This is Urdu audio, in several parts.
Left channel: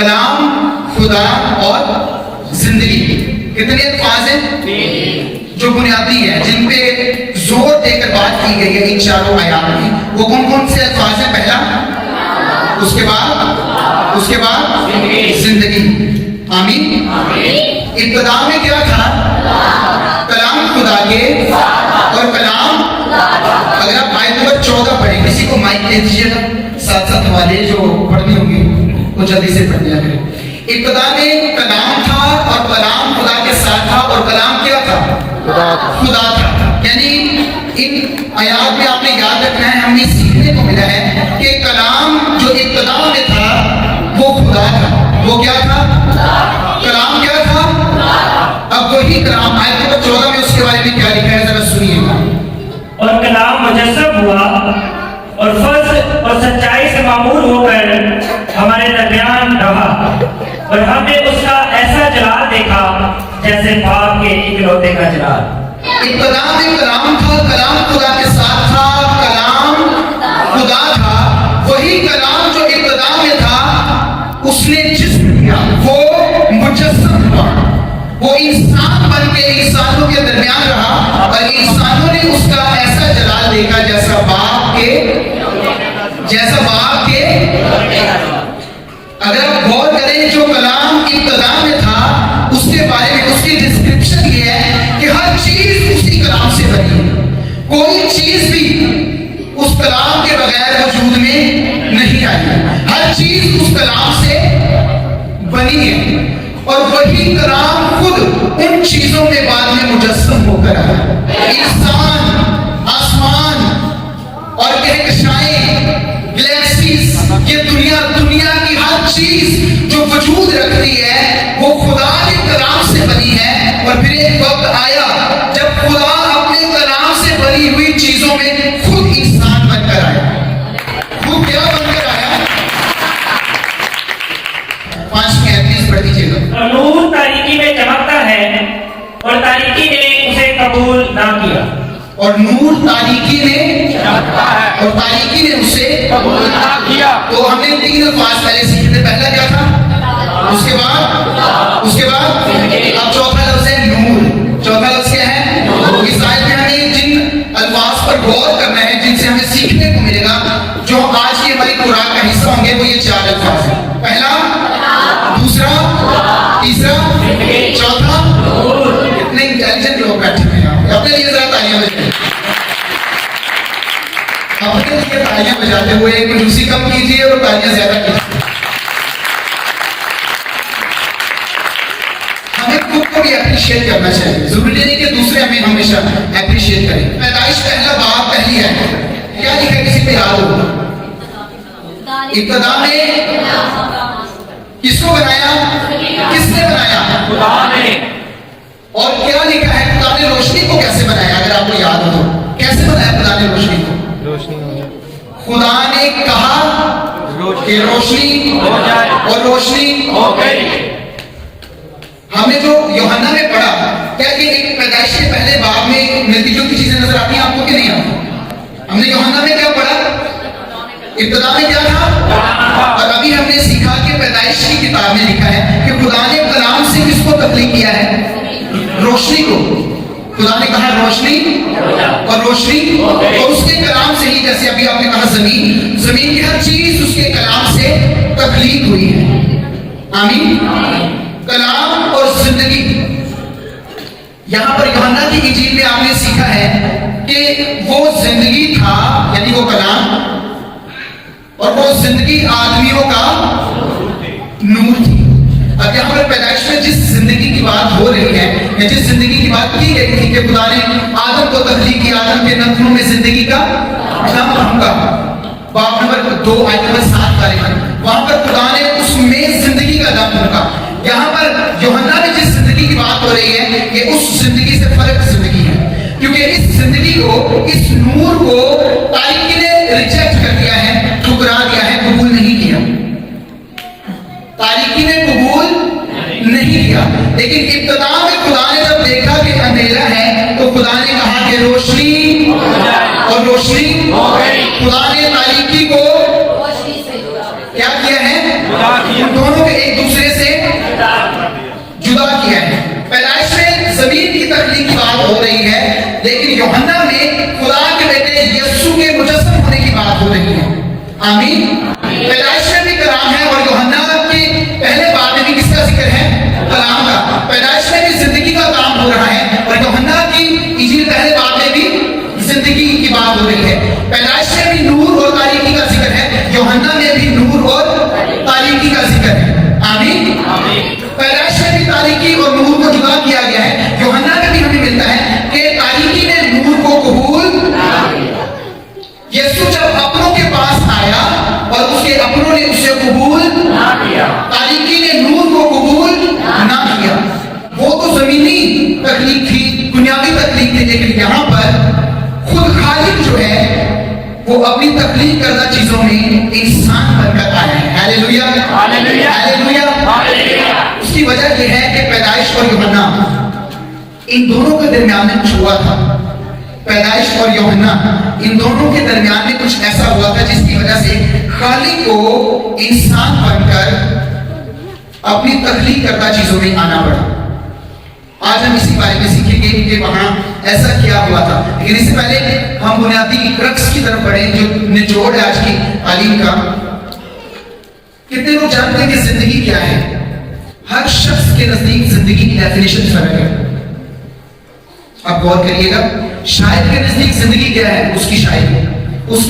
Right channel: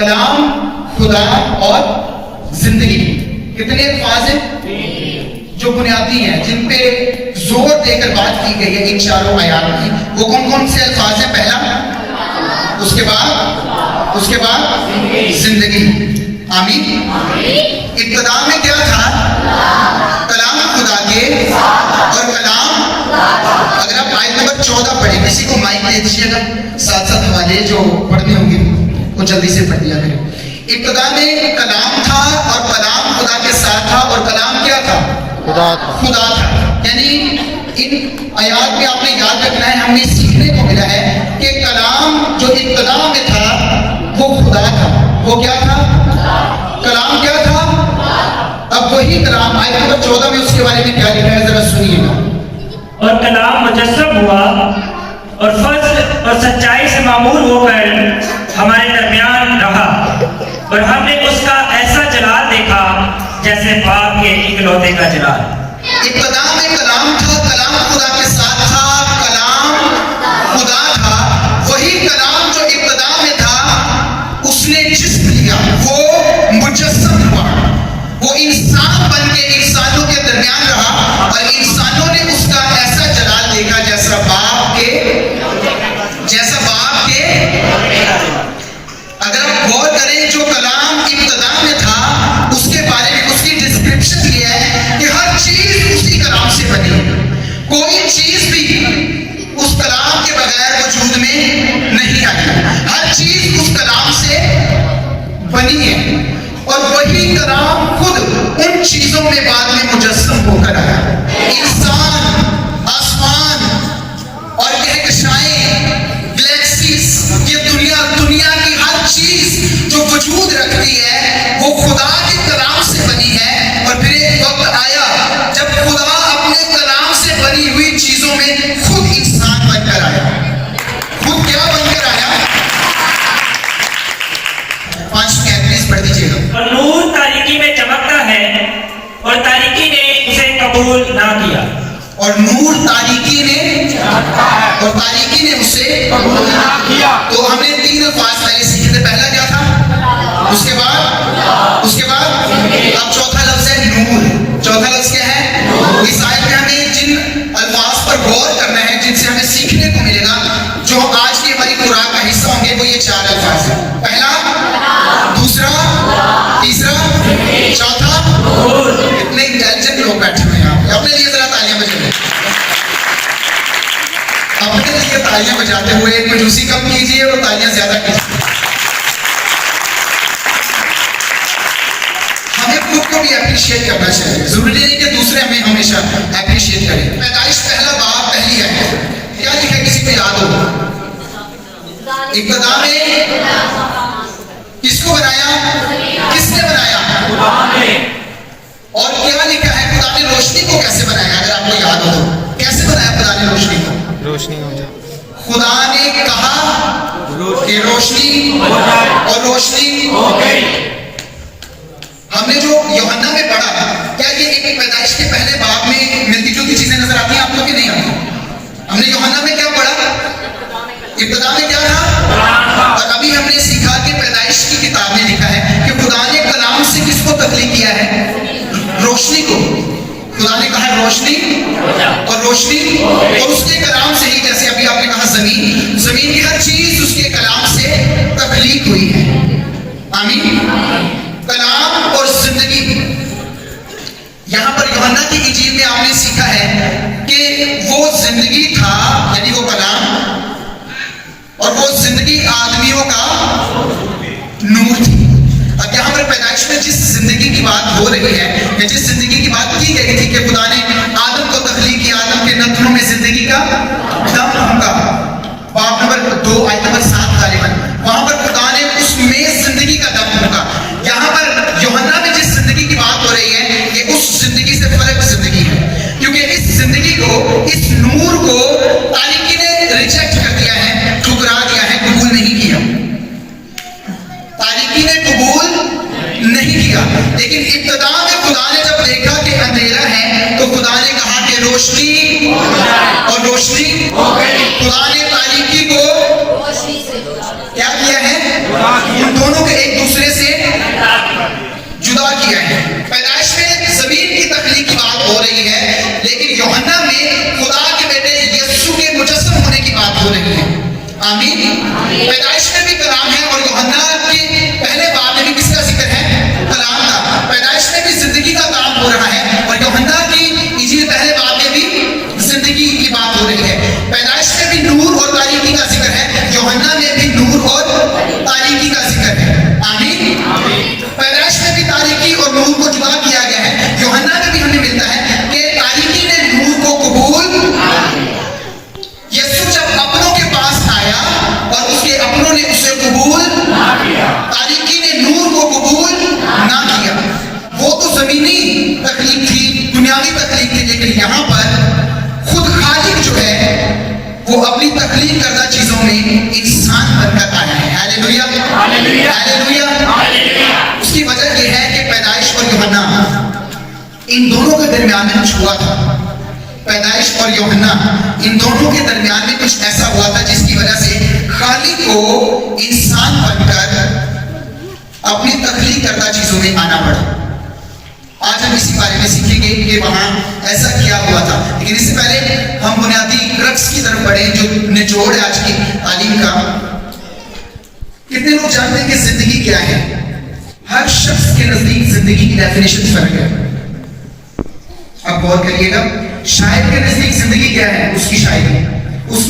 کلام، خدا اور زندگی. کتنے الفاظ ہیں جو بنیادی ہیں جن پہ زور دے کر بات کی گئی ہے ان چاروں آیات میں؟ وہ کون کون سے الفاظ ہیں؟ پہلا، اس کے بعد زندگی. آمین. ابتدا میں کیا تھا؟ کلام خدا کے اور کلام. اگر آپ آیت نمبر 14 پڑھیں، کسی کو مائک دے دیجیے گا، ساتھ ساتھ ہمارے جو پڑھنے ہوں گے وہ جلدی سے پڑھ لیا کریں. ابتدا میں کلام تھا اور کلام خدا کے ساتھ تھا، اور کلام کیا تھا؟ خدا تھا. یعنی ان آیات میں آپ نے یاد رکھنا ہے، ہم نے سیکھنے کو ملا ہے کہ کلام جو ابتدا میں تھا وہ خدا تھا. وہ کیا تھا؟ کلام کیا تھا؟ اب وہی کلام آیت نمبر 14 میں اس کے بارے میں کیا لکھا ہے ذرا سنیے گا. اور کلام مجسم ہوا اور فضل اور سچائی سے معمول ہو کر ہمارے درمیان رہا، اور ہم نے اس کا ایسا جلال دیکھا جیسے باپ کے اکلوتے کا جلال. ابتدا میں کلام تھا، کلام خدا کے ساتھ تھا، کلام خدا تھا. وہی کلام جو ابتدا میں تھا اس نے جسم لیا، وہ مجسم ہوا، وہ انسان بن کے انسانوں کے درمیان رہا، اور انسانوں نے اس کا ایسا جلال دیکھا جیسا باپ کے. اگر آپ غور کریں جو کلام ابتدا میں تھا اس کے بارے میں اس کی ڈسکرپشن یہ ہے کہ ہر چیز اسی کلام سے بنی ہے. کوئی چیز بھی اس کلام کے بغیر وجود میں نہیں آئی. ہر چیز اس کلام سے بنی ہے، اور وہی کلام خود ان چیزوں میں بعد میں مجسم ہو کر آیا. انسان، آسمان اور کہکشائیں، گلیکسیز، یہ دنیا کی ہر چیز جو وجود رکھتی ہے وہ خدا کے کلام سے بنی ہے. اور پھر ایک وقت آیا جب خدا اپنے کلام سے بنی ہوئی چیزوں میں خود انسان بن کر آیا. خود کیا بن کر آیا؟ 5 میں پلیز پڑھ دیجیے گا. اور نور تاریکی میں چمکتا ہے اور تاریکی نے اسے قبول نہ کیا. اور نور تاریکی میں چمکتا ہے اور تاریکی نے اسے قبول نہ کیا. تو ہم نے 3 الفاظ پہلے سیکھے تھے. پہلا کیا تھا؟ اس کے بعد اب چوتھا لفظ ہے نور. چوتھا لفظ کیا ہے؟ اس آیت میں ہمیں جن الفاظ پر غور کرنا ہے جن سے ہمیں سیکھنے کو ملے گا، جو آج کی ہماری قرآن کا حصہ ہوں گے، وہ یہ 4 الفاظ ہیں. پہلا، دوسرا، تیسرا، چوتھا. اتنے انٹیلیجنٹ لوگ بیٹھے ہوئے ہیں، اپنے لیے ذرا تالیاں بجائیں. اپنے لیے تالیاں بجاتے ہوئے کنجوسی کم کیجیے اور تالیاں زیادہ کیجیے. ہمیں خود کو بھی اپریشیٹ کرنا چاہیے. ضروری نہیں کہ دوسرے ہمیں ہمیشہ اپریشیٹ کریں. پیدائش پہلا باب پہلی ہے. کیا لکھا ہے کسی کو یاد ہو؟ ابتدا میں کس کو بنایا؟ کس نے بنایا؟ خدا نے. اور کیا لکھا ہے خدا نے روشنی کو کیسے بنایا؟ اگر آپ کو یاد ہو تو کیسے بنایا خدا نے روشنی کو؟ روشنی ہو جائے. خدا نے کہا کہ روشنی ہو جائے اور روشنی ہو گئی. ہم نے جو یوحنا میں پڑھا، کیا یہ ایک پیدائش کے پہلے باب میں ملتی جلتی چیزیں نظر آتی ہیں آپ کو کہ نہیں آتی؟ ہم نے یوحنا میں کیا پڑھا؟ ابتدا میں کیا تھا؟ اور ابھی ہم نے سیکھا کہ پیدائش کی کتاب میں لکھا ہے کہ خدا نے کلام سے کس کو تخلیق کیا ہے؟ روشنی کو. خدا نے کہا روشنی اور روشنی، اور اس کے کلام سے ہی، جیسے ابھی آپ نے کہا زمین کی ہر چیز اس کے کلام سے تخلیق ہوئی ہے. آمین. کلام اور زندگی. یہاں پر یوحنا کی انجیل میں آپ نے سیکھا ہے کہ وہ زندگی تھا، یعنی وہ کلام، اور وہ زندگی آدمیوں کا نور تھی. اب یہاں پر پیدائش میں جس زندگی کی بات ہو رہی ہے یا جس زندگی کی بات کی گئی تھی کہ خدا نے آدم کو تخلیق کیا، آدم کے نتنوں میں زندگی کا دم ہوگا، باب نمبر 2 آیت نمبر 7 غالباً، وہاں پر خدا نے اس میں زندگی کا دم ہوگا. یہاں پر یوحنا میں جس زندگی کی بات ہو رہی ہے یہ اس زندگی سے فرق زندگی ہے، کیونکہ اس زندگی کو، اس نور کو تاریکی نے ریجیکٹ کر دیا ہے، ٹھکرا دیا ہے، قبول نہیں کیا. تاریکی نے قبول نہیں کیا. لیکن ابتدا میں خدا نے جب دیکھا کہ اندھیرا ہے تو خدا نے کہا کہ روشنی اور روشنی ہو گئی. خدا نے تاریکی کو کیا کیا ہے؟ ان دونوں دونوں کو ایک دوسرے سے جدا کیا ہے. پیدائش میں زمین کی تخلیق کی بات ہو رہی ہے، لیکن یوحنا میں خدا کے بیٹے یسوع کے مجسم ہونے کی بات ہو رہی ہے. آمین. پیدائش میں بھی کلام ہے، اور یوحنا کے پہلے باب میں بھی کس کا ذکر ہے؟ کلام کا. پیدائش میں بھی زندگی کا کام ہو رہا ہے، اور یوحنا کی انجیل پہلے باب میں بھی زندگی کی بات ہو رہی ہے. پیدائش میں بھی نور اور تاریکی کا ذکر ہے، یوحنا میں بھی نور اور تاریکی کا ذکر ہے. آمین. پیدائش میں بھی تاریکی اور نور کو جدا کیا گیا ہے. یوحنا میں بھی ہمیں ملتا ہے کہ تاریکی نے نور کو قبول. یسوع جب اپنوں کے پاس آیا اور اس کے اپنوں نے اسے قبول نہ کیا، تاریکی نے نور کو قبول نہ کیا. وہ تو زمینی تخلیق تھی، دنیاوی تخلیق تھی، لیکن یہاں پر خود خالق جو ہے وہ اپنی تخلیق کردہ چیزوں میں انسان بن کر آیا ہے. ہاللیلویا، ہاللیلویا، ہاللیلویا. اس کی وجہ یہ ہے کہ پیدائش اور یوحنا ان دونوں کے درمیان میں کچھ ہوا تھا. پیدائش اور یوحنا ان دونوں کے درمیان میں کچھ ایسا ہوا تھا جس کی وجہ سے خالق کو انسان بن کر اپنی تخلیق کردہ چیزوں میں آنا پڑا. آج ہم اسی بارے میں سیکھیں گے کہ وہاں ایسا کیا ہوا تھا. لیکن اس سے پہلے ہم بنیادی رقص کی طرف بڑھیں جو نچوڑ ہے آج کی تعلیم کا. کتنے لوگ جانتے ہیں کہ زندگی کیا ہے؟ ہر شخص کے نزدیک زندگی کی ڈیفینیشن فرق ہے. آپ غور کریے گا، شاعر کے نزدیک زندگی کیا ہے؟ اس کی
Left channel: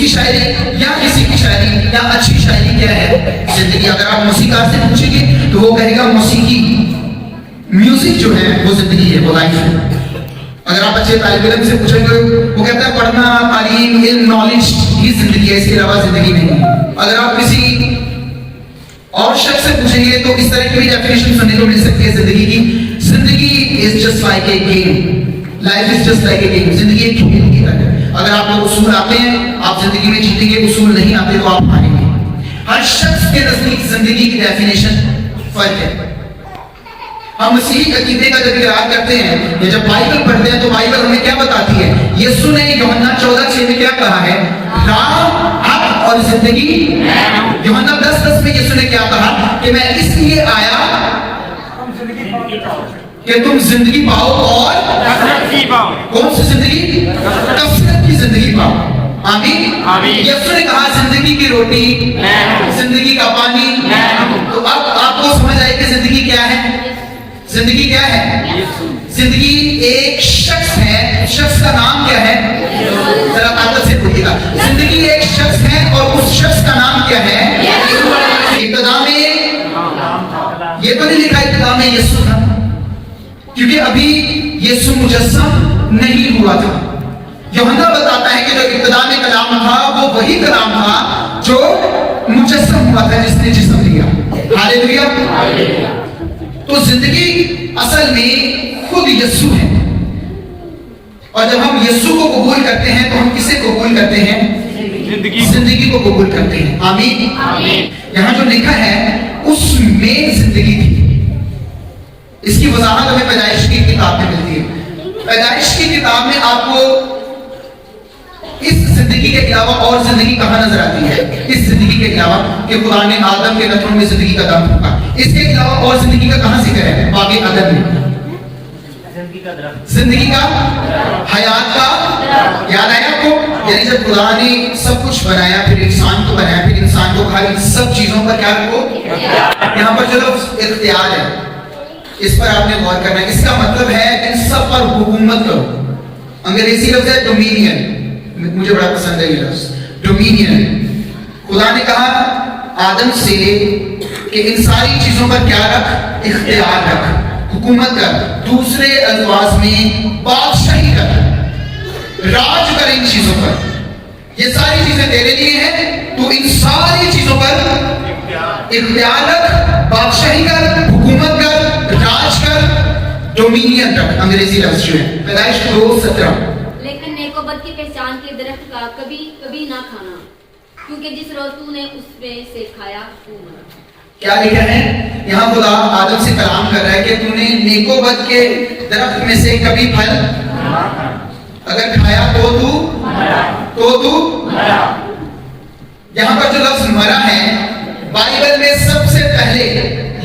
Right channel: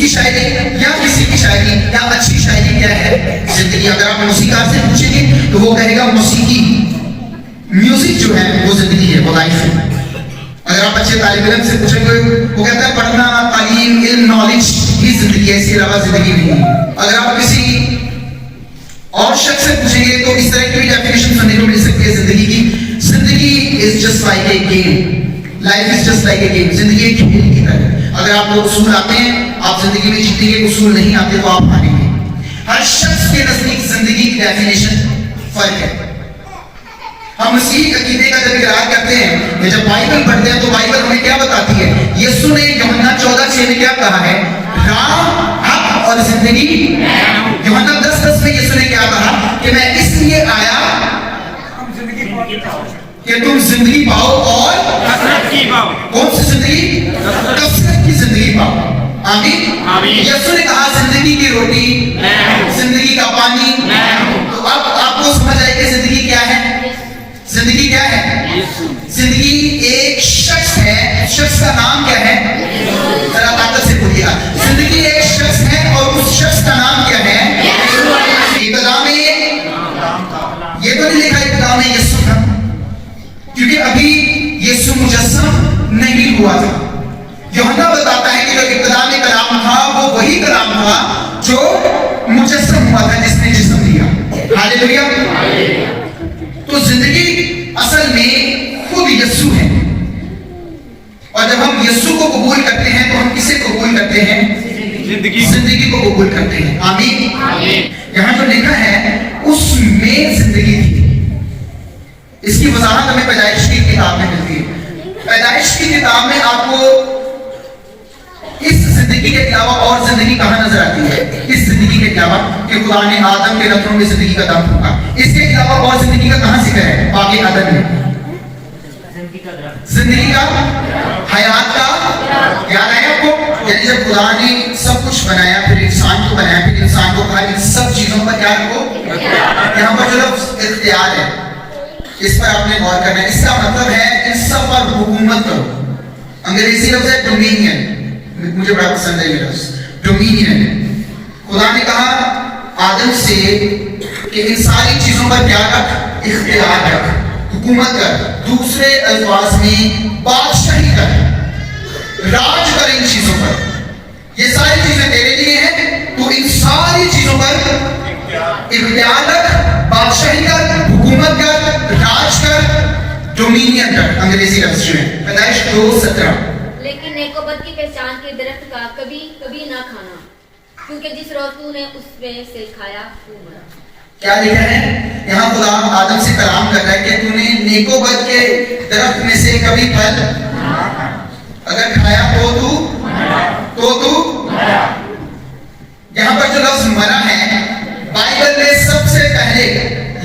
شاعری یا کسی کی شاعری یا اچھی شاعری کیا ہے؟ زندگی. اگر آپ موسیقار سے پوچھیں گے تو وہ کہے گا موسیقی، میوزک جو ہے وہ زندگی ہے، وہ لائف ہے. اگر آپ اچھے طالب علم سے پوچھیں گے وہ کہتا ہے پڑھنا، تعلیم، علم، نالج ہی زندگی ہے، اس کے علاوہ زندگی نہیں ہے. اگر آپ کسی اور شخص سے پوچھیں گے تو اس طرح کی ڈیفینیشن سننے کو مل سکتی ہے زندگی کی. زندگی is just like a game, life is just like a game. زندگی ایک کھیل کی طرح ہے. اگر آپ کو اصول آتے ہیں آپ زندگی میں جیتیں گے، اصول نہیں آتے تو آپ ہاریں گے. ہر شخص کے نزدیک زندگی کی ڈیفینیشن فرق ہے. ہم اسی عقیدے کا جب اقرار کرتے ہیں یا جب بائبل پڑھتے ہیں تو بائبل ہمیں کیا بتاتی ہے؟ یسوع نے یوحنا 14:6 میں کیا کہا ہے؟ راہ، حق اور زندگی. یوحنا 10:10 میں یسوع نے کیا کہا کہ میں اس لیے آیا کہ تم زندگی پاؤ اور کون سی زندگی؟ کثرت کی زندگی پاؤ. آمین. یسوع نے کہا زندگی کی روٹی، زندگی کا پانی. تو اب آپ کو سمجھ آئے کہ زندگی کیا ہے؟ زندگی کیا ہے؟ زندگی ایک شخص ہے. شخص کا نام کیا ہے؟ ذرا آدر سے بولیے گا. زندگی ایک شخص ہے اور اس شخص کا نام کیا ہے؟ ابتدا میں یہ تو نہیں لکھا ابتدا میں یسوع تھا، کیونکہ ابھی یسوع مجسم نہیں ہوا تھا. یوحنا بتاتا ہے کہ جو ابتدا میں کلام تھا وہ وہی کلام تھا جو مجسم ہوا تھا، جس نے جسم لیا. ہاللیلویا. تو زندگی اصل میں خود یسوع ہے. اور جب ہم یسوع کو قبول کرتے ہیں تو ہم کسے قبول کرتے ہیں؟ زندگی کو قبول کرتے ہیں. آمین. یہاں جو لکھا ہے اس میں زندگی تھی. اس کی وضاحت ہمیں پیدائش کی کتاب میں ملتی ہے. پیدائش کی کتاب میں آپ کو اس زندگی کے علاوہ اور زندگی کہاں نظر آتی ہے؟ اس زندگی کے علاوہ کہ خدا نے آدم کے رتنوں میں زندگی کا دم پھونکا. اس کے علاوہ اور زندگی کا کہاں ذکر ہے؟ باغ عدن میں زندگی کا، حیات کا. یاد آیا آپ کو؟ یعنی جب خدا نے سب کچھ بنایا، پھر انسان کو بنایا، پھر انسان کو کہا ان سب چیزوں پر کیا رکھو. یہاں پر جو لفظ اختیار ہے اس پر آپ نے غور کرنا ہے. اس کا مطلب ہے ان سب پر حکومت کرو. انگریزی لفظ ہے ڈومینین. مجھے بڑا پسند ہے یہ لفظ ڈومینین. خدا نے کہا آدم سے کہ ان ساری چیزوں پر کیا رکھ؟ اختیار رکھ، حکومت کر. دوسرے الفاظ میں بادشاہی کر، راج کر ان چیزوں پر. یہ ساری چیزیں تیرے لیے ہیں، تو ان ساری چیزوں پر اختیار رکھ، بادشاہی کر، حکومت کر، راج کر، ڈومینین کر. انگریزی لفظ جو ہے پیدائش 2:17. لیکن نیک و بد کی پہچان کے درخت کا کبھی نہ کھانا، کیونکہ جس روز تو نے اس میں سے کھایا تو مرا. کیا لکھا ہے یہاں؟ خدا آدم سے کلام کر رہا ہے کہ تو نے نیک و بد کے درخت میں سے کبھی پھل اگر کھایا تو مرا. یہاں پر جو لفظ مرا ہے بائبل میں سب سے پہلے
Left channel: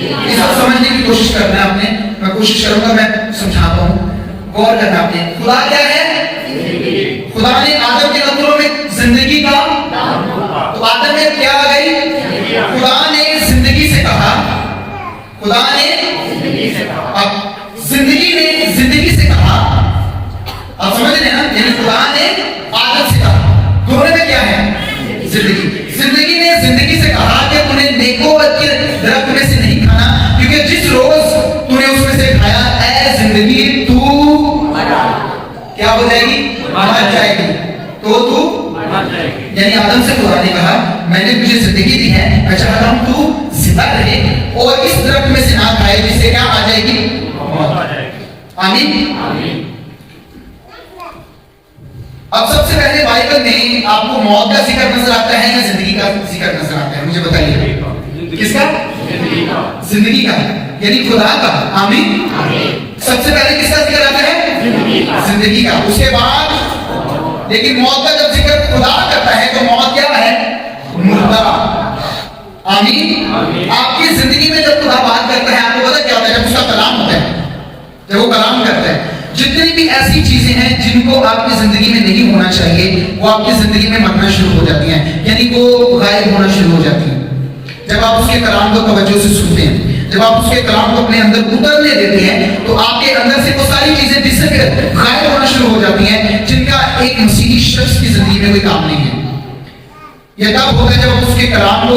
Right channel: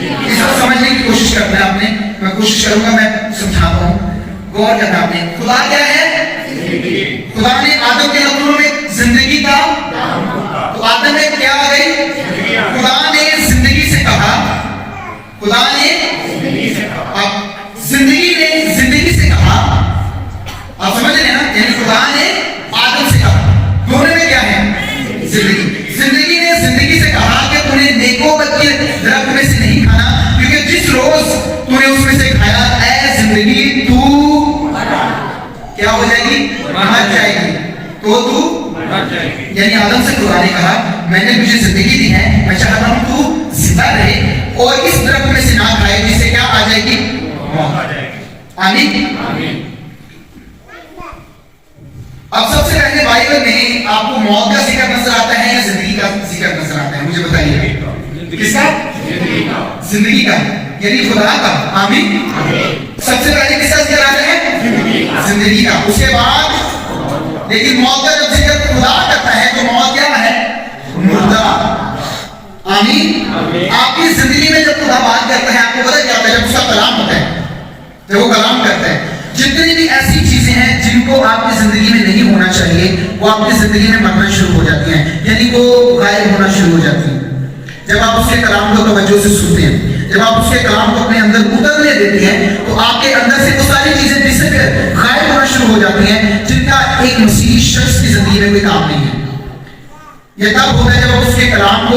یہ سب سمجھنے کی کوشش کرنا ہے آپ نے. میں کوشش کروں گا, میں سمجھاتا ہوں, غور کرنا آپ نے. خدا کیا ہے؟ خدا نے آدم کے نتنوں میں زندگی کا, تو آدم میں کیا آ گئی؟ خدا نے زندگی سے کہا, خدا نے اب زندگی سے کہا, آپ سمجھ رہے ہیں نا, یعنی خدا نے آدم سے کہا, دونوں میں کیا ہے؟ زندگی نے زندگی سے کہا کہ تمہیں نیکوبت کے درخت میں سے نہیں کھانا, کیونکہ جس روز تم نے اس میں سے کھایا, اے زندگی تو کیا ہو جائے گی؟ مر جائے گی. تو یعنی آدم سے خدا نے کہا میں نے تجھے زندگی دی ہے, میں چاہتا ہوں تو زندہ رہے اور اس درخت میں سے نہ کھائے, جس سے کیا آ جائے گی؟ آمین. اب سب سے پہلے بائبل میں آپ کو موت کا ذکر نظر آتا ہے یا زندگی کا ذکر نظر آتا ہے؟ مجھے بتائیے. کس کا؟ زندگی کا, یعنی خدا کا. آمین. سب سے پہلے کس کا ذکر آتا ہے؟ زندگی کا. اس کے بعد لیکن موت کا جب ذکر خدا کرتا ہے تو موت کیا ہے؟ مردہ. آمین. آپ کی زندگی میں جب خدا بات کرتا ہے, آپ کو پتہ کیا ہوتا ہے؟ جب اس کا کلام ہوتا ہے, جب وہ کلام کرتا ہے, جتنی بھی ایسی چیزیں ہیں جن کو آپ کی زندگی میں نہیں ہونا چاہیے, وہ آپ کی زندگی میں مرنا شروع ہو جاتی ہیں, یعنی وہ غائب ہونا شروع ہو جاتی ہیں. جب آپ اس کے کلام کو توجہ سے سنتے ہیں, جب آپ اس کے کلام کو اپنے اندر اترنے دیتے ہیں, تو آپ کے اندر سے وہ ساری چیزیں غائب ہونا شروع ہو جاتی ہیں جن کا ایک مسیحی شخص کی زندگی میں کوئی کام نہیں ہے. یہ تب ہوتا ہے جب آپ اس کے کلام کو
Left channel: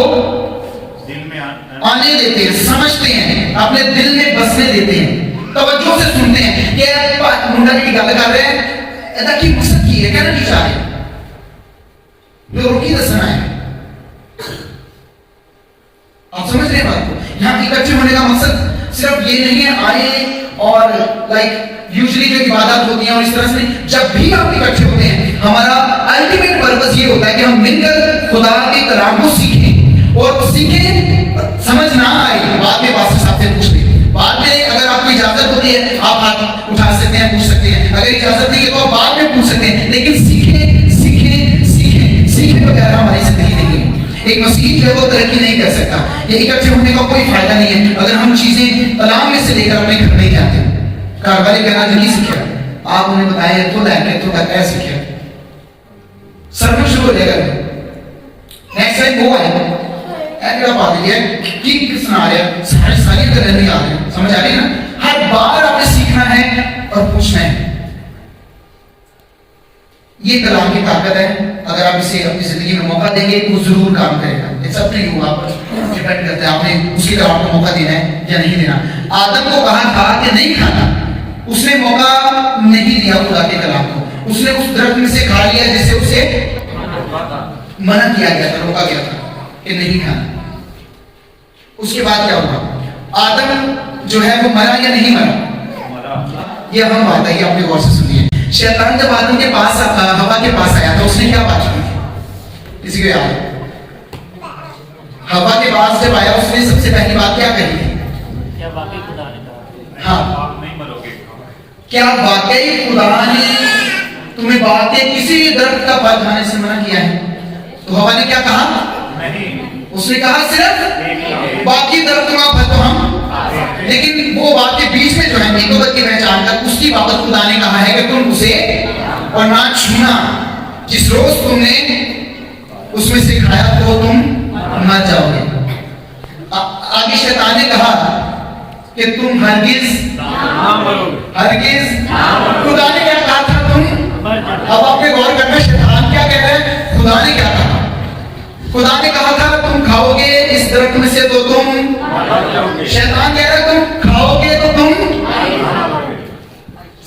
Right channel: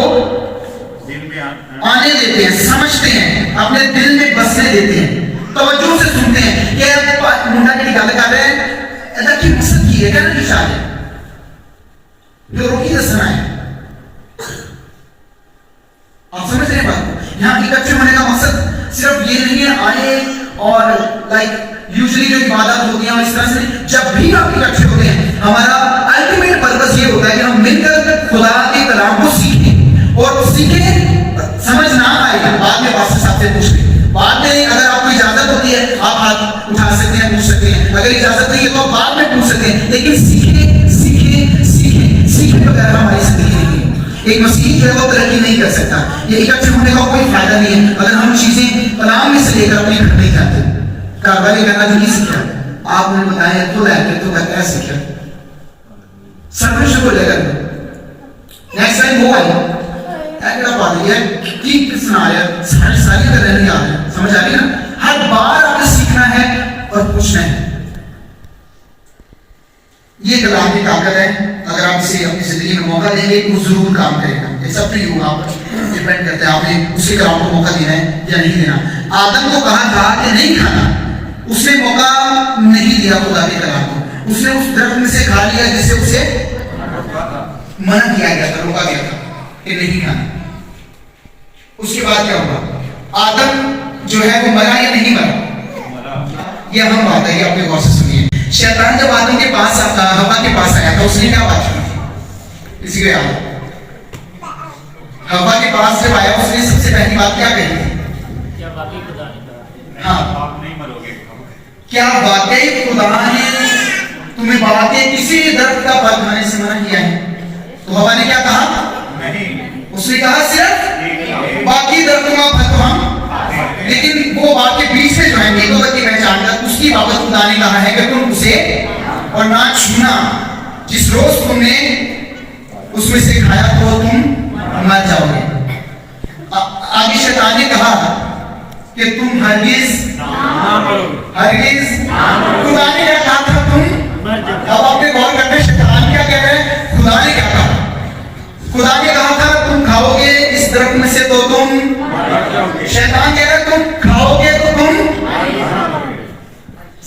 دل میں آنے دیتے ہیں, سمجھتے ہیں, اپنے دل میں بسنے دیتے ہیں, توجہ سے سنتے ہیں کہ منڈا کی گل کر رہے ہیں, ادا کی مقصد کی ہے, کہنا کی چاہ رہے ہیں, جو روکی دسنا ہے. آپ سمجھ رہے ہیں بات کو؟ یہاں اکٹھے ہونے کا مقصد صرف یہ نہیں ہے آئے اور یوزلی جو عبادات ہوتی ہیں اور اس طرح سے نہیں. جب بھی آپ اکٹھے ہوتے ہیں, ہمارا الٹیمیٹ پرپس یہ ہوتا ہے کہ ہم مل کر خدا کے کلام کو سیکھیں, اور سیکھیں, سمجھ نہ آئے بعد میں پاسٹر صاحب سے پوچھ لیں. بعد میں اگر آپ کو اجازت ہوتی ہے آپ ہاتھ اٹھا سکتے ہیں, پوچھ سکتے ہیں. اگر اجازت نہیں ہے تو آپ بعد میں پوچھ سکتے ہیں, لیکن سیکھیں بغیر ہماری زندگی نہیں ہے. ایک مسیح جو ہے وہ ترقی نہیں کر سکتا. یہ اکٹھے ہونے کا کوئی فائدہ نہیں ہے اگر ہم چیزیں کلام میں سے لے کر اپنے گھر نہیں جاتے. کاروباری کرنا جو نہیں سیکھا, آپ انہیں بتائیں تو کیا سیکھا, سرور شروع لے کر نیکسٹ ٹائم وہ آئے ایک بات ہے کہ سنا رہے ساری طرح نہیں آ رہے, سمجھ آ رہی ہے نا. ہر بار آپ نے سیکھنا ہے اور پوچھنا ہے. یہ کلام کی طاقت ہے. اگر آپ اسے اپنی زندگی میں موقع دیں گے وہ ضرور کام کرے گا. ایک سب نہیں ہوگا, آپ ڈیپینڈ کرتے ہیں آپ نے اس کے کلام کو موقع دینا ہے یا نہیں دینا. آدم کو کہا تھا کہ نہیں کھانا, اس نے موقع نہیں دیا خدا کے کلام کو. اس نے اس درخت میں سے کھا لیا جسے اسے منع کیا گیا تھا, روکا گیا تھا کہ نہیں کھانا. اس کے بعد کیا ہوا؟ آدم جو ہے وہ مرا یا نہیں مرا؟ یہ اہم بات ہے, یہ آپ نے غور سے سنیے. شیطان جب آدم کے پاس ہوا کے پاس آیا تھا, اس نے کیا بات کی تھی؟ کسی کو یاد ہے؟ ہوا کے پاس جب آیا اس نے سب سے پہلی بات کیا کہی تھی؟ کیا واقعی خدا نے کہا؟ ہاں, آپ نہیں مرو گے. کیا واقعی خدا نے تمہیں بات کے کسی درخت کا پھل کھانے سے منع کیا ہے؟ تو ہوا نے کیا کہا؟ نہیں. اس نے کہا صرف باقی درخت کا پھل تو ہم, لیکن وہ بات کے بیچ میں جو ہے نیکوبت کی پہچان کر اس کی بابت خدا نے کہا ہے کہ تم اسے اور نہ چھونا, جس روز تم نے اس میں سے کھایا تو تم مر جاؤ گے. آگے شیطان نے کہا کہ تم ہرگز خدا نے کیا کہا تھا تم, اب آپ نے غور کرتے شیطان کیا کہہ رہے ہیں, خدا نے کیا کہا؟ خدا نے کہا تھا تم کھاؤ گے اس درخت میں سے تو تم, شیطان کہہ رہا ہے تم کھاؤ گے تو تم.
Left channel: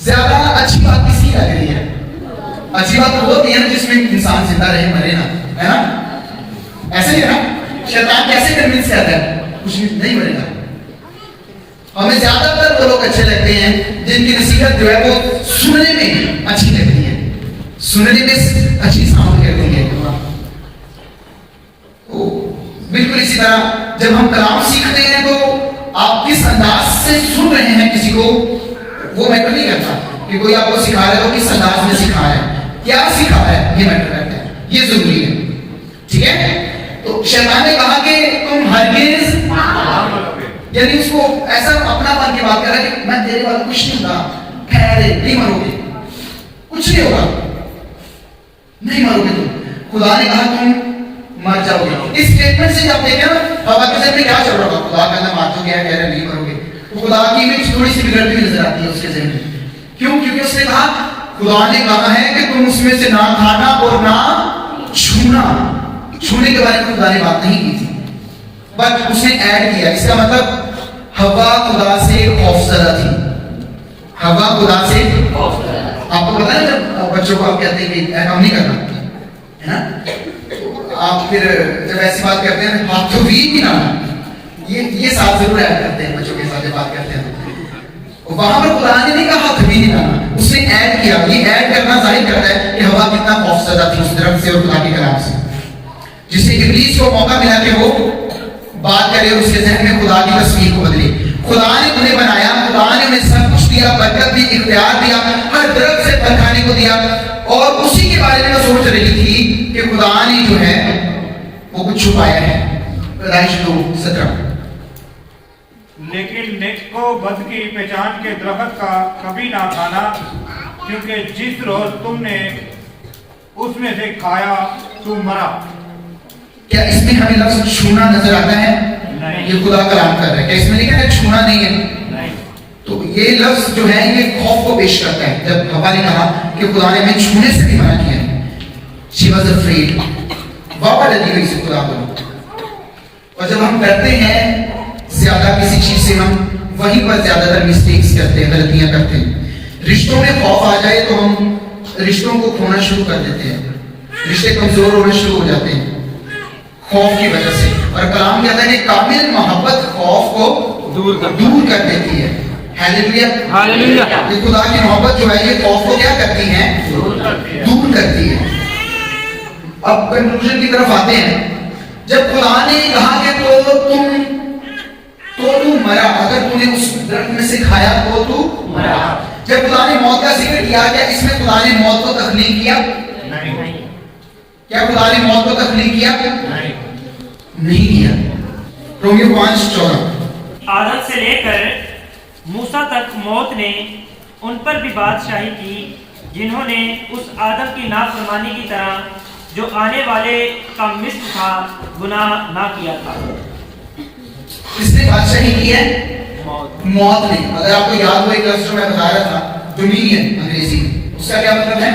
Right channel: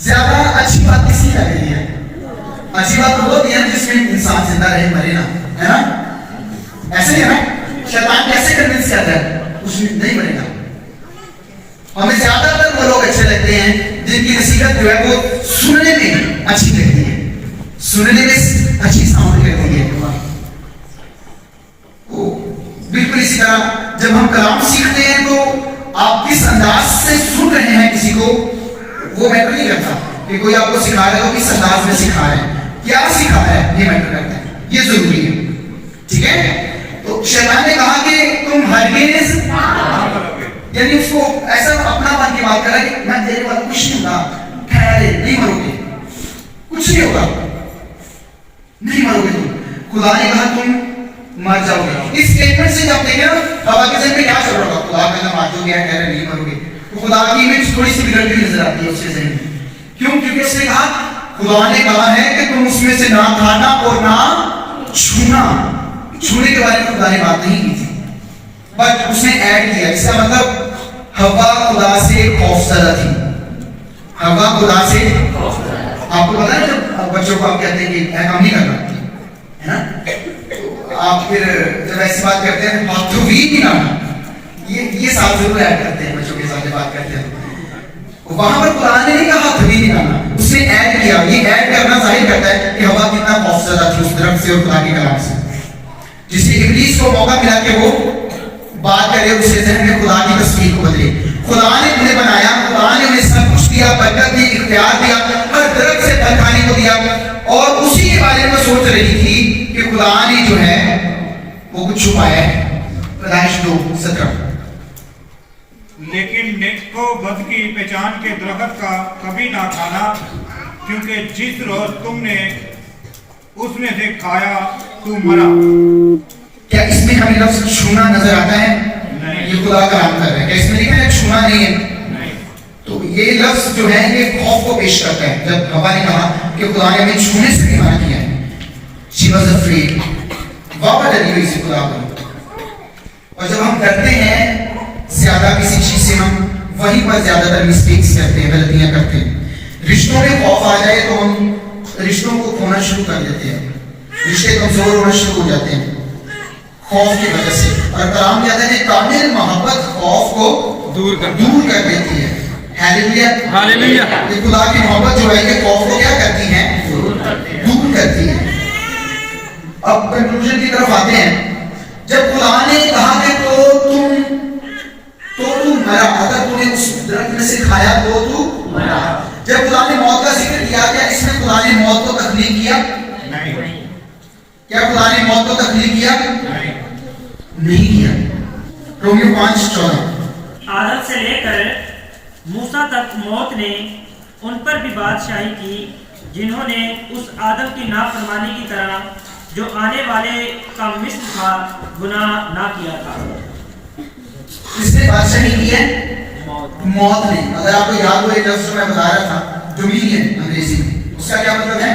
زیادہ اچھی بات کس کی لگ رہی ہے؟ اچھی بات وہ ہوتی ہے جس میں انسان زندہ رہے مرے نا, ہے نا, ایسے ہی ہے نا. شیطان کیسے کنونس کرتا ہے؟ کچھ نہیں بنے گا. ہمیں زیادہ تر وہ لوگ اچھے لگتے ہیں جن کی نصیحت جو ہے وہ سننے میں اچھی لگتی ہے, سننے میں اچھی ساؤنڈ کرتی ہے. بالکل اسی طرح جب ہم کلام سیکھتے ہیں تو آپ کس انداز سے سن رہے ہیں کسی کو وہ میٹر نہیں کرتا کہ کوئی آپ کو سکھا رہا ہے وہ کس انداز میں سکھا رہا ہے, کیا سکھا رہا ہے, یہ میٹر کرتا ہے, یہ ضروری ہے. ٹھیک ہے. تو شیطان نے کہا کہ تم ہرگز یعنی اس کو ایسا اپنا بن کے بات کر رہا ہے کہ میں تیرے والا کچھ نہیں ہوگا، ٹھہرے نہیں مرو گے، کچھ نہیں ہوگا، نہیں مرو گے تم. خدا نے کہا تم مر جاؤ گے. اس اسٹیٹمنٹ سے جب دیکھیں نا ہوا کے ذہن میں کیا چل رہا ہوگا؟ خدا کہنا مار دو گے، کہہ رہے نہیں مرو گے. تو خدا کی امیج تھوڑی سی بگڑتی ہوئی نظر آتی ہے اس کے ذہن میں. کیوں؟ کیونکہ اس نے کہا، خدا نے کہا ہے کہ تم اس میں سے نہ کھانا اور نہ چھونا. چھونے کے بارے میں خدا نے بات نہیں کی تھی، بٹ اس نے ایڈ کیا. اس کا مطلب ہوا خدا سے خوفزدہ تھی. ہوا خدا سے، آپ کو پتا ہے جب بچوں کو آپ کہتے ہیں کہ کام نہیں کرنا ہے نا، آپ پھر جب ایسی بات کرتے ہیں ہاتھ تو بھی نہ، یہ ساتھ ضرور ایڈ کرتے ہیں بچوں کے ساتھ جب بات کرتے ہیں. وہاں پر خدا نے نہیں کہا ہاتھ بھی نہیں لانا، اس نے ایڈ کیا. یہ ایڈ کرنا ظاہر کرتا ہے کہ ہوا کتنا خوفزدہ تھی اس درخت سے اور خدا کے کلام سے، جسے ابلیس کو موقع ملا کہ وہ بات کرے، اس کے ذہن میں خدا کی تصویر کو بدلے. خدا نے انہیں بنایا، خدا نے انہیں سب کچھ دیا، برکت دی، اختیار دیا، ہر درخت سے پھل کھانے کو دیا. اور اسی کے بارے میں سوچ رہی تھی کہ خدا نے جو ہے وہ کچھ چھپایا ہے. پیدائش 2:17. لیکن نیک کو بد کی پہچان کے درخت کا کبھی نہ کھانا، کیونکہ جس روز تم نے اس میں سے کھایا تو مرا. کیا اس میں ہمیں لفظ چھونا نظر آتا ہے؟ یہ خدا کلام کر رہا ہے. کیا اس میں لکھا ہے چھونا نہیں ہے؟ تو یہ لفظ جو ہے یہ خوف کو پیش کرتا ہے. جب ہوا نے کہا کہ خدا نے ہمیں چھونے سے بھی منع کیا ہے، she was afraid. واپا ڈری ہوئی سے خدا کو. اور جب ہم کرتے ہیں زیادہ کسی چیز سے، ہم وہیں پر زیادہ تر مسٹیکس کرتے ہیں، غلطیاں کرتے ہیں. رشتوں میں خوف آ جائے تو ہم رشتوں کو کھونا شروع کر دیتے ہیں، رشتے کمزور ہونا شروع ہو جاتے ہیں خوف کی وجہ سے. اور کلام کہتا ہے کہ کامل محبت خوف کو دور کر دیتی ہے. Hallelujah, hallelujah. یہ خدا کی محبت جو ہے یہ خوف کو کیا کرتی ہے؟ دور کرتی ہے. اب کنکلوژن کی طرف آتے ہیں. جب خدا نے کہا کہ تو مرا، اگر تو نے اس درخت میں سے کھایا تو مرا. جب خدا نے موت کا ذکر کیا، کیا اس میں خدا نے موت کو تخلیق کیا؟ نہیں. کیا خدا نے موت کو تخلیق کیا؟ نہیں کیا. رومیو 5:14. آدم سے لے کر موسیٰ تک موت نے ان پر بھی بادشاہی کی، جنہوں نے اس آدم کی نافرمانی کی طرح جو آنے والے کا مثل تھا گناہ نہ کیا تھا. کس نے بادشاہی کی ہے؟ موت نے. اگر آپ کو یاد ہو ایک لفظ جو میں بتا رہا تھا ڈومینین انگریزی میں، اس کا کیا مطلب ہے؟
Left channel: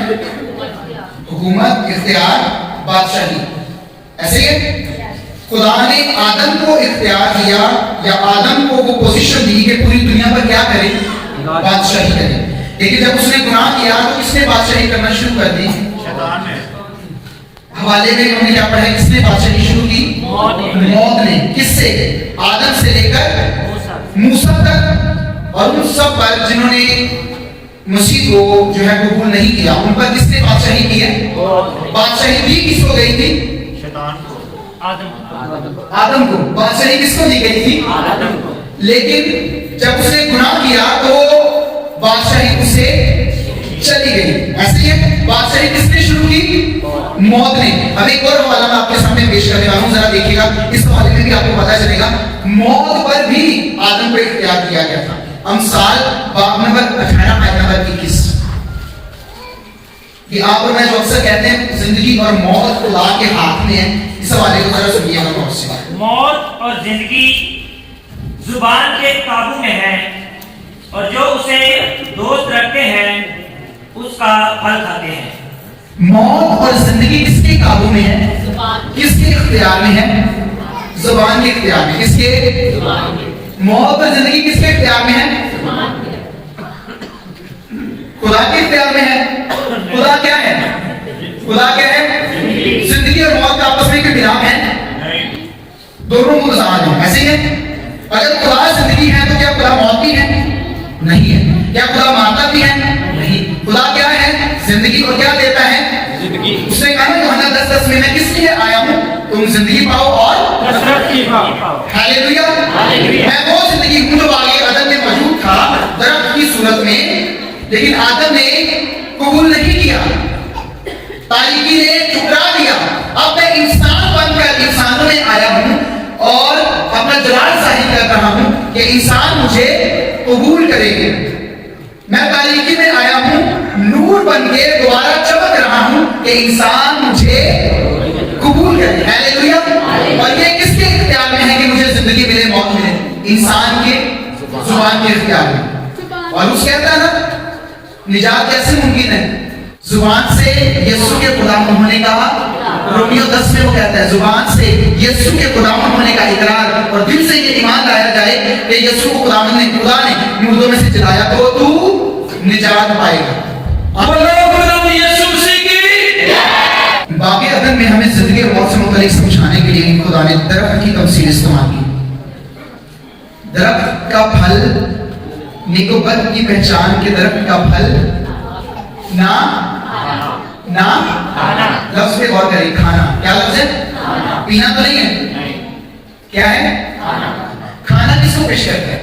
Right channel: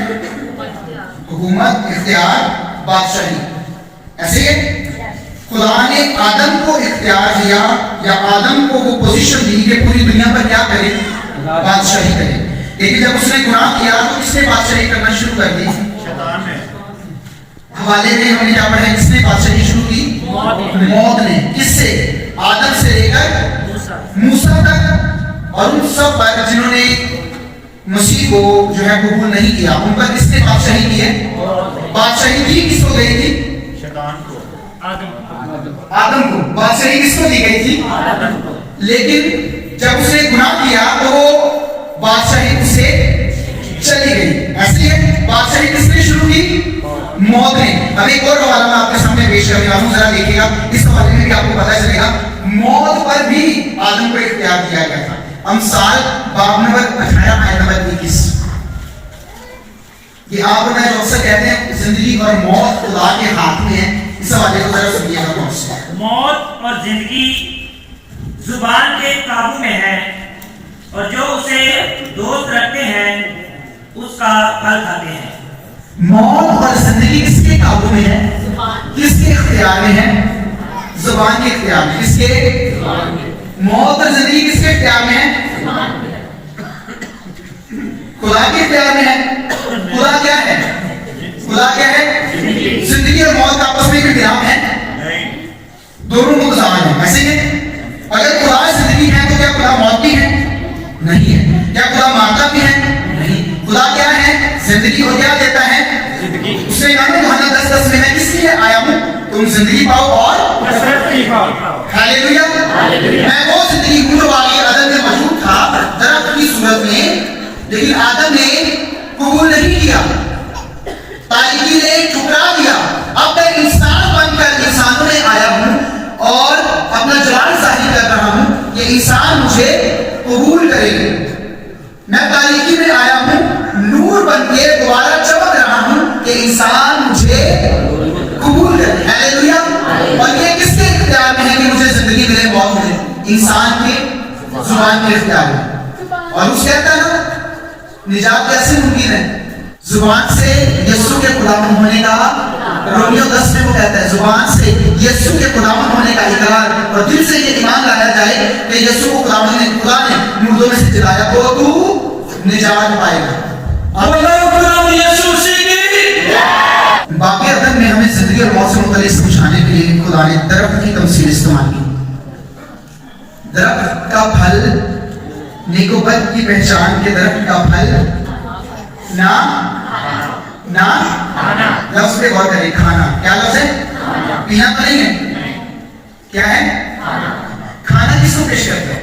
حکومت، اختیار، بادشاہی. ایسے ہی خدا نے آدم کو اختیار دیا یا آدم کو وہ پوزیشن دی کہ پوری دنیا پر کیا کرے؟ بادشاہی کرے. لیکن جب اس نے گناہ کیا تو کس نے بادشاہی کرنا شروع کر دی؟ شیطان نے. حوالے میں ہم نے کیا پڑھا ہے؟ کس نے بادشاہی شروع کی؟ موت نے. کس سے؟ آدم سے لے کر موسیٰ تک. اور ان سب پر جنہوں نے مسیح کو جو ہے قبول نہیں کیا، ان پر کس نے بادشاہی کی ہے؟ بادشاہی دی کس کو گئی تھی؟ شیطان کو. آدم کو. بادشاہی کس کو دی گئی تھی؟ لیکن جب اس نے گناہ کیا تو بادشاہی اسے چلی گئی. ایسے ہی بادشاہی کس نے شروع کی؟ موت نے. اب ایک اور حوالہ میں آپ کے سامنے پیش کر رہا ہوں، ذرا دیکھیے گا. اس حوالے میں بھی آپ کو پتہ چلے گا موت پر بھی آدم کو اختیار دیا گیا تھا. امثال باب نمبر 18 آیت نمبر 21. یہ آپ کو میں جو اکثر کہتے ہیں زندگی اور موت خدا کے ہاتھ میں ہے. اس حوالے کو ذرا سنیے گا غور سے. موت اور زندگی زبان کے قابو میں ہے، اور جو اسے دوست رکھتے ہیں اس کا پھل کھاتے ہیں. موت اور زندگی کس کے قابو میں ہے؟ کس کے اختیار میں ہے؟ زبان کے اختیار میں. کس کے؟ موت اور زندگی کس کے اختیار میں ہے؟ خدا کے اختیار میں ہے. خدا کیا ہے؟ خدا کیا ہے؟ زندگی اور موت کا آپس میں کوئی انتظام ہے؟ دونوں متضاد ہیں. ایسے ہی اگر خدا زندگی ہے تو کیا خدا موت بھی ہے؟ نہیں ہے. کیا خدا مارتا بھی ہے؟ نہیں. خدا کیا ہے؟ زندگی. اور کیا دیتا ہے؟ زندگی. اس نے کہا نا یوحنا 10:10 میں کس لیے آیا ہوں؟ تم زندگی پاؤ اور کثرت کی پاؤ. ہاللیلویا. میں وہ زندگی ہوں جو آگے آدم میں موجود تھا درخت کی صورت میں، لیکن آدم نے قبول نہیں کیا، تاریکی نے ٹھکرا دیا. اب میں انسان بن کر انسانوں میں آیا ہوں اور اپنا جلال ظاہر کر رہا ہوں کہ انسان مجھے قبول کرے گا. میں تاریکی میں آیا ہوں نور بن کے دوبارہ چمک رہا ہوں کہ انسان مجھے قبول کرے. ہیلیلویا. اور یہ کس کے اختیار میں ہے کہ مجھے زندگی ملے موت ملے؟ انسان کے زبان کے اختیار میں. اور اس کہتا ہے نا نجات کیسے ممکن ہے؟ زبان سے یسوع کے غلام ہونے کا. رومیو 10 میں وہ کہتا ہے زبان سے یسوع کے غلام ہونے کا اقرار اور دل سے یہ ایمان لایا جائے کہ یسوع کو خدا نے مردوں میں سے جلایا تو تو نجات پائے گا. باقی عدم میں ہمیں زندگی اور موت سے متعلق سمجھانے کے لیے خدا نے درخت کی تمثیل استعمال کی. درخت کا پھل نیک و بد کی پہچان کے درخت کا پھل نہ لفظ پہ غور کریں. کھانا کیا لفظ ہے؟ پینا تو نہیں ہے. کیا ہے؟ کھانا کس کو پیش کرتے ہیں؟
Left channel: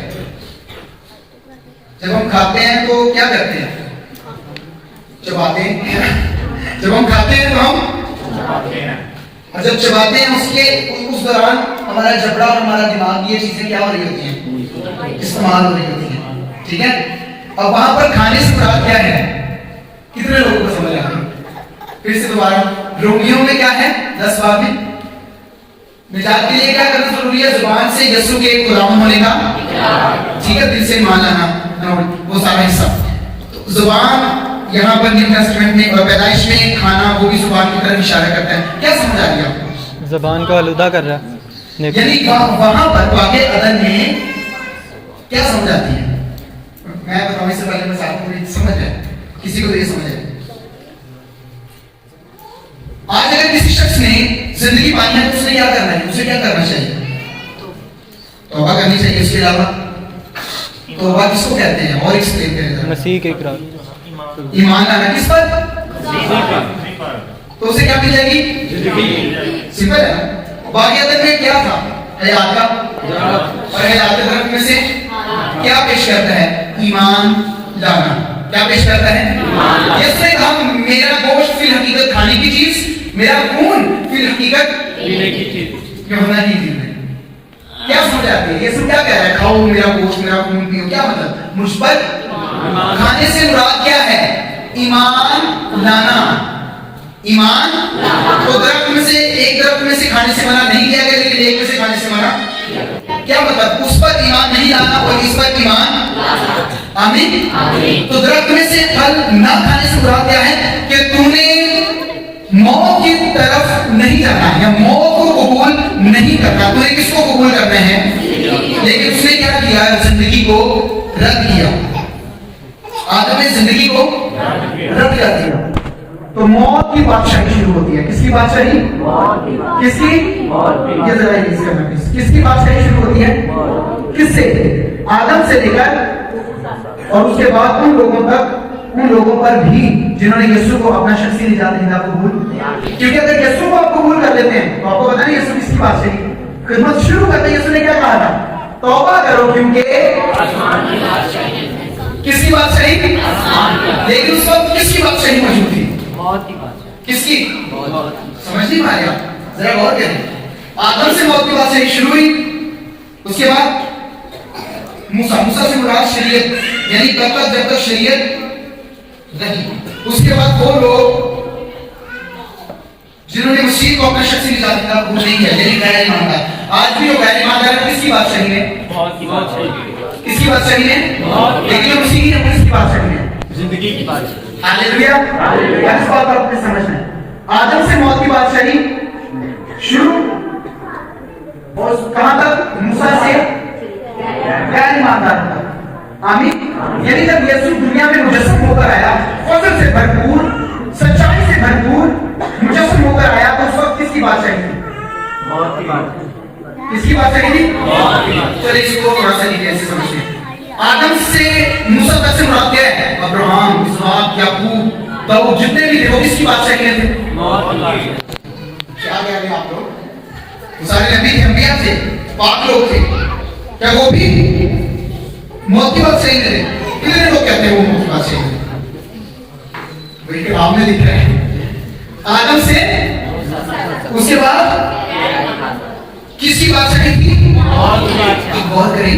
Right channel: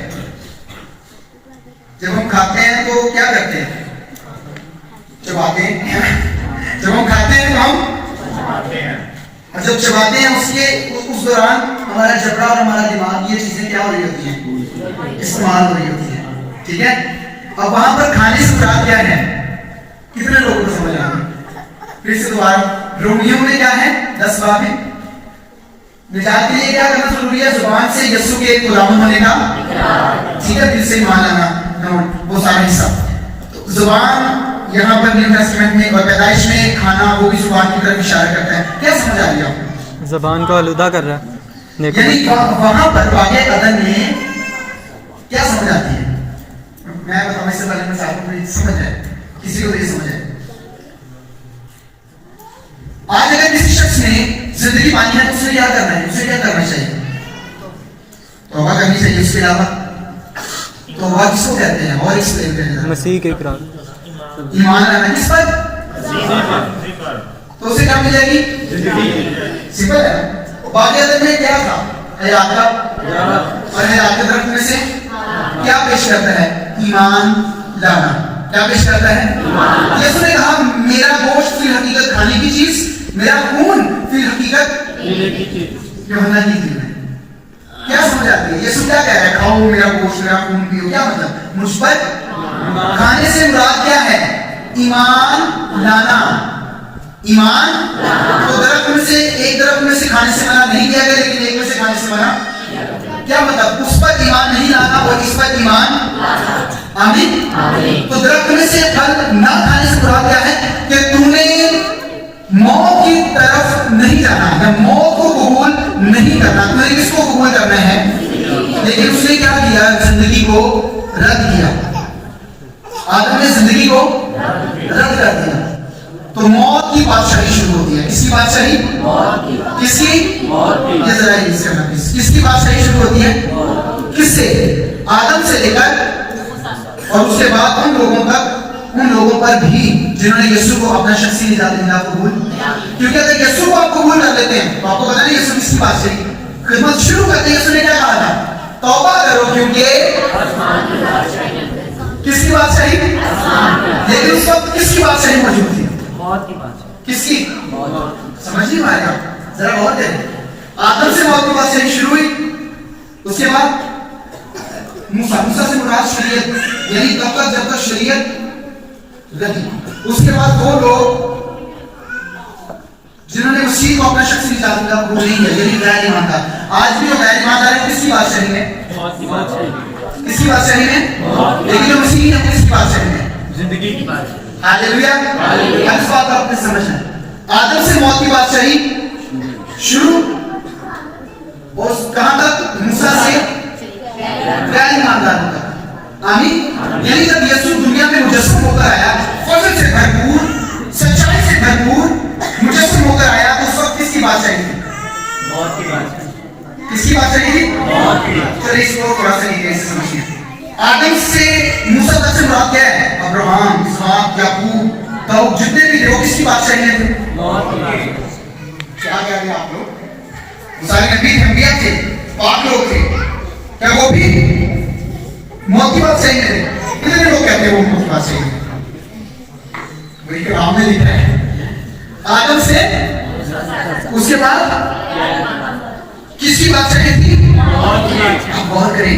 جب ہم کھاتے ہیں تو کیا کرتے ہیں؟ چباتے ہیں. جب ہم کھاتے ہیں تو ہم چباتے ہیں. اور جب چباتے ہیں اس دوران ہمارا جبڑا اور ہمارا دماغ یہ چیزیں کیا ہو رہی ہوتی ہیں؟ استعمال ہو رہی ہوتی ہیں. ٹھیک ہے. اور وہاں پر کھانے سے مراد کیا ہے؟ کتنے لوگوں کو سمجھ آ گئی؟ پھر سے دوبارہ رومیوں میں کیا ہے 10 باب میں نجات کے لیے کیا کرنا ضروری ہے؟ زبان سے یسوع کے غلام ہونے کا. ٹھیک ہے. دل سے مان لانا وہ سارا حصہ. زبان یہاں پر نیو ٹیسٹمنٹ میں اور پیدائش میں کھانا وہ بھی زبان کی طرف اشارہ کرتا ہے. کیا سمجھ آ گیا آپ کو؟ زبان کو آلودہ کر رہا ہے. یعنی وہاں پر واقع عدن میں کیا سمجھ آتی ہے؟ میں بتاؤں اس سے پہلے میں صاحب کو سمجھ ہے کسی کو یہ سمجھ ہے. آج اگر کسی شخص نے زندگی پانی ہے تو اسے کیا کرنا ہے؟ اسے کیا کرنا چاہیے؟ توبہ کرنی چاہیے. اس کے علاوہ توبہ کس کو کہتے ہیں؟ اور ایکسپلین کریں. مسیح کے اقرار. ایمان لانا کس پر؟ تو اسے کیا ملے گی؟ سمپل ہے. باقی عدد میں کیا تھا؟ حیات کا. اور حیات کے درخت میں سے کیا پیش کرتا ہے؟ ایمان لانا. کیا پیش کرتا ہے؟ یسوع نے کہا میرا گوشت فی الحقیقت کھانے کی چیز، میرا خون فی الحقیقت پینے کی چیز. یوحنا کی انجیل میں کیا سمجھ آتی ہے؟ یسوع کیا کہہ رہا ہے؟ کھاؤ میرا گوشت میرا خون پیو. کیا مطلب؟ مجھ پر کھانے سے مراد کیا ہے؟ ایمان لانا. ایمان تو درخت میں سے ایک درخت میں سے کھانے سے منع نہیں کیا گیا لیکن ایک میں سے کھانے سے منع. کیا مطلب؟ اس پر ایمان نہیں لانا اور اس پر ایمان. آمین. تو درخت میں سے پھل نہ کھانے سے مراد کیا ہے؟ کہ تم نے موت کی طرف نہیں جانا یا موت کو قبول نہیں کرنا. تم نے کس کو قبول کرنا ہے؟ لیکن اس نے کیا کیا؟ زندگی کو رد کیا. آدم نے زندگی کو رد کر دیا. تو موت کی بادشاہی شروع ہوتی ہے. کس کی بادشاہی؟ کس کی؟ یہ ذرا اس کا نفس کس کی بادشاہی شروع ہوتی ہے؟ کس سے؟ آدم سے لے کر اور اس کے بعد ان لوگوں تک، ان لوگوں پر بھی جنہوں نے یسوع کو اپنا شخصی نجات دہندہ قبول. کیونکہ اگر یسوع کو آپ قبول کر لیتے ہیں تو آپ کو پتہ نہیں یسوع کس کی بادشاہی خدمت شروع کرتے ہیں. یسوع نے کیا کہا تھا؟ توبہ کرو کیونکہ کس کی بادشاہی؟ لیکن اس وقت کس کی بادشاہی موجود تھی؟ کس کی؟ سمجھ نہیں پا رہے آپ؟ ذرا غور کریں. آدم سے موت کی بادشاہی شروع ہوئی. اس کے بعد موسیٰ سے مراد شریعت، یعنی تب تک جب تک شریعت رہی. اس کے بعد وہ لوگ جنہوں نے مسیح کو اپنا شخصی نجات دہندہ قبول نہیں کیا یعنی غیر ایماندار. آج بھی جو غیر ایماندار ہے کس کی بادشاہی ہے؟ کس کی بادشاہی ہے؟ لیکن جو مسیح ہے کس کی بادشاہی ہے؟ زندگی کی بادشاہی. ہاللیلویا. اس بات پر آپ نے سمجھنا ہے. آدم سے موت کی بادشاہی شروع اور کہاں تک؟ موسیٰ سے غیر ایماندار تک. آمین. یعنی جب یسوع دنیا میں مجسم ہو کر آیا، فضل سے بھرپور، سچائی سے بھرپور مجسم ہو کر آیا تو اس وقت کس کی بادشاہی تھی؟ موت کی بادشاہی. کس کی بادشاہی تھی؟ موت کی. چلیے اس کو تھوڑا سا نیچے سے سمجھیں. آدم سے موسیٰ تک سے مراد کیا ہے؟ ابراہیم، اسحاق، یعقوب، داؤد جتنے بھی تھے وہ کس کی بادشاہی میں تھے؟ موت کی. کیا کہہ رہے ہیں آپ لوگ؟ سارے نبی انبیاء تھے، پاک لوگ تھے. کیا وہ بھی موت کی بادشاہی میں تھے؟ کتنے لوگ کہتے ہیں وہ موت کی بادشاہی میں؟ بھائی کلام میں لکھا ہے آدم سے اس کے بعد کس کی بادشاہی تھی؟ موت کی. غور کریں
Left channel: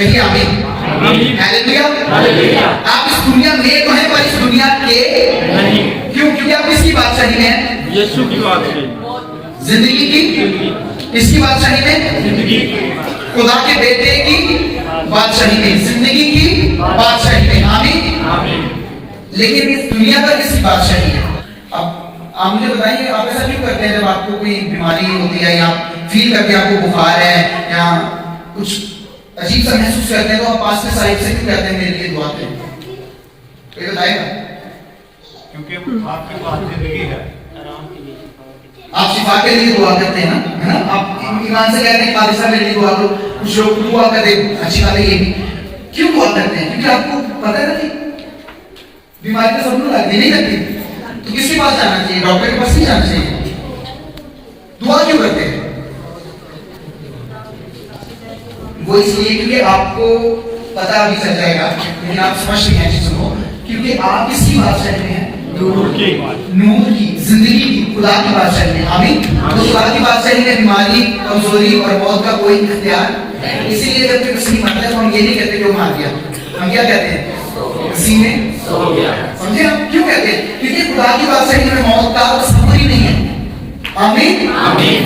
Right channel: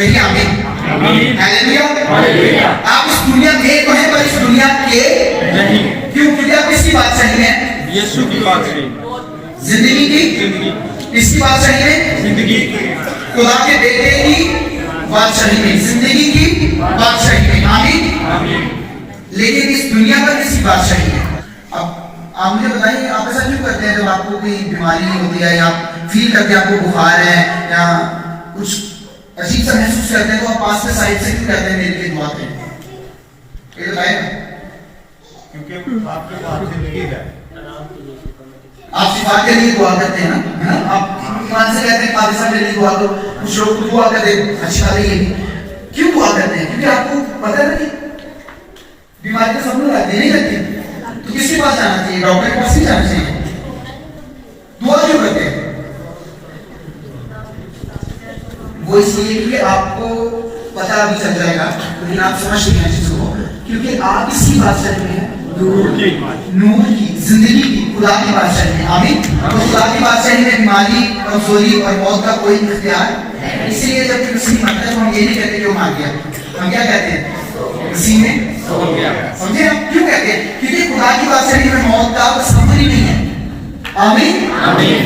کہیں آمین. ہاللیلویا. آپ اس دنیا میں تو ہیں پر اس دنیا کے کیوں؟ کیونکہ آپ کس کی بادشاہی میں ہیں؟ یسوع کی بادشاہی. زندگی کی اس کی بادشاہی میں، زندگی کی خدا کے بیٹے کی بادشاہی میں، زندگی کی بادشاہی میں. آمین. لیکن اس دنیا کا کس کی بادشاہی ہے؟ اب آپ مجھے بتائیے آپ ایسا کیوں کرتے ہیں جب آپ کو کوئی بیماری ہوتی ہے یا فیل کرتے ہیں آپ کو بخار ہے یا کچھ عجیب سا محسوس کرتے ہیں تو آپ پاس میں صاحب سے کیوں کہتے ہیں میرے لیے دعا کریں؟ کوئی بتائے گا؟ کیونکہ آپ کے پاس زندگی ہے. آپ شفا کے لیے دعا کرتے ہیں نا، آپ ایمان سے کہتے ہیں قاضی صاحب میرے لیے دعا کرو، کچھ لوگ دعا کرتے ہیں. اچھی بات ہے یہ بھی. کیوں دعا کرتے ہیں؟ کیونکہ آپ کو پتہ ہے کہ بیماری تو سب کو لگتی نہیں لگتی، تو کس کے پاس جانا چاہیے؟ ڈاکٹر کے پاس نہیں جانا چاہیے. دعا کیوں کرتے ہیں؟ وہ اس لیے کہ آپ کو پتہ بھی چل جائے گا، لیکن آپ سمجھ نہیں ہیں چیزوں کو، کیونکہ آپ کس کی بادشاہی میں ہیں؟ نور کی، زندگی کی، خدا کی بادشاہی میں. آمین. خدا کی بادشاہی میں بیماری، کمزوری اور موت کا کوئی اختیار. اسی لیے جب کسی مرتا ہے تو ہم یہ نہیں کہتے کہ وہ مار گیا، ہم کیا کہتے ہیں؟ اسی میں سمجھے آپ کیوں کہتے ہیں؟ کیونکہ خدا کی بادشاہی میں موت کا تصور ہی نہیں ہے. آمین.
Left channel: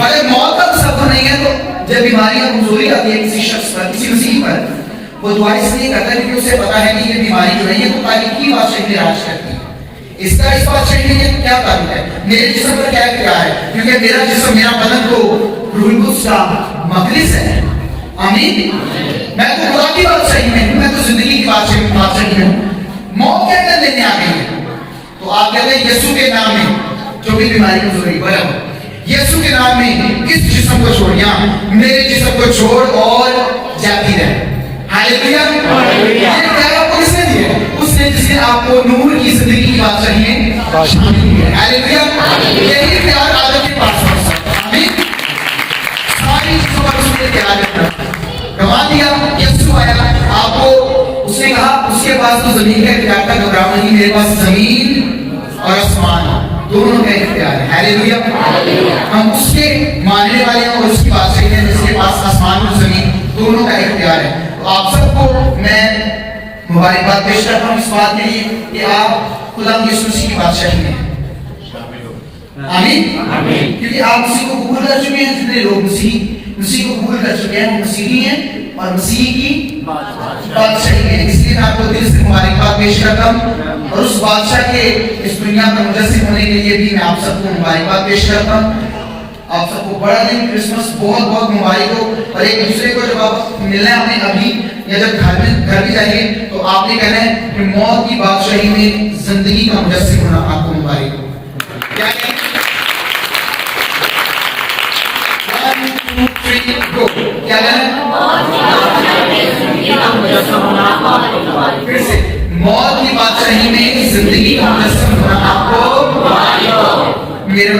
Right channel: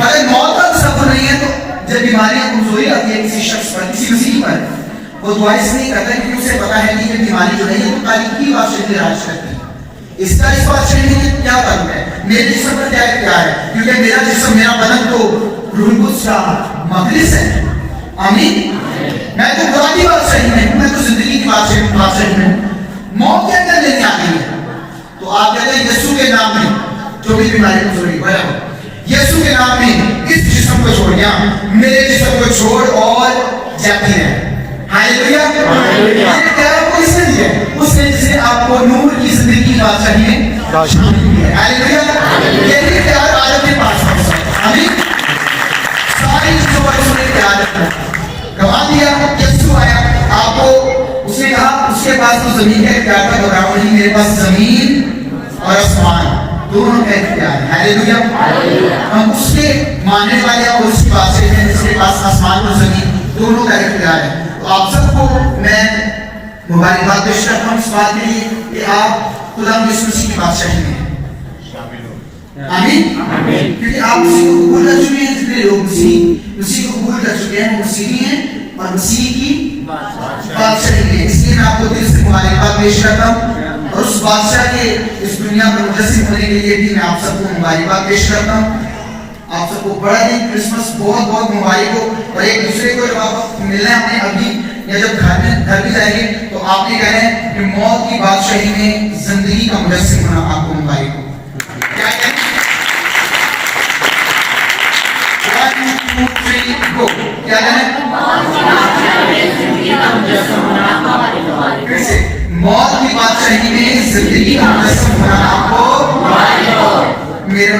اگر موت کا تصور نہیں ہے تو جب بیماری یا کمزوری آتی ہے کسی شخص پر، کسی مسیح پر، وہ دعا اس لیے کرتا ہے کیونکہ اسے پتا ہے کہ یہ بیماری جو نہیں ہے تو تاریخی بادشاہی میں راج کرتی ہے. اس کا اس بادشاہی میں کیا تعلق ہے؟ میرے جسم پر کیا اختیار ہے؟ کیونکہ میرا جسم، میرا بدن تو روح القدس کا مقدس ہے. آمین. میں تو خدا کی بادشاہی میں ہوں، میں تو زندگی کی بادشاہی میں ہوں. موت کیا کر لینے آ گئی ہے؟ تو آپ کہتے ہیں یسوع کے نام میں جو بھی بیماری کمزوری برابر، یسوع کے نام میں اس جسم کو چھوڑ، یہاں میرے جسم کو چھوڑ اور جاتی رہے. ہاللیلویا. یہ اختیار آپ کو کس نے دیا ہے؟ اس نے جس نے آپ کو نور کی زندگی کی بادشاہی میں شامل کیا ہے. ہاللیلویا. یہی اختیار آج آپ کے پاس ہے. آمین. ساری چیزوں پر اس نے اختیار رکھا، گوا دیا. یسوع آیا، آپ کو اس نے کہا اس کے پاس تو زمین کا اختیار تھا، بتاؤ نہیں میرے پاس زمین اور آسمان دونوں کا اختیار ہے. ہاللیلویا. ہم اس کے ماننے والے ہیں اور اس کی بادشاہی ہے جس کے پاس آسمان اور زمین دونوں کا اختیار ہے. تو آپ سب کو میں مبارکباد پیش کرتا ہوں اس بات کے لیے کہ آپ خدا یسوع مسیح کی بادشاہی میں ہیں. آمین. کیونکہ آپ مسیح کو قبول کر چکے ہیں. جتنے لوگ مسیح کو قبول کر چکے ہیں وہ مسیحی ہیں اور مسیح کی بادشاہی ہے. اس لیے میں آپ کو دل سے مبارکباد پیش کرتا ہوں اور اس بادشاہ کے اس دنیا میں مجسم ہونے کے لیے بھی میں آپ سب کو مبارکباد پیش کرتا ہوں. آپ سب کو بڑا دن کرسمس بہت بہت مبارک ہو. اور ایک دوسرے کو جب آپ ملنا ہے اپنے ابھی یا جب گھر بھی جائیں گے تو آپ نے کہنا ہے کہ موت کی بادشاہی میں زندگی کا مجسم ہونا آپ کو مبارک ہو. کیا کہنا ہے؟ پھر سے موت کی بادشاہی میں زندگی کا مجسم ہونا آپ کو میرے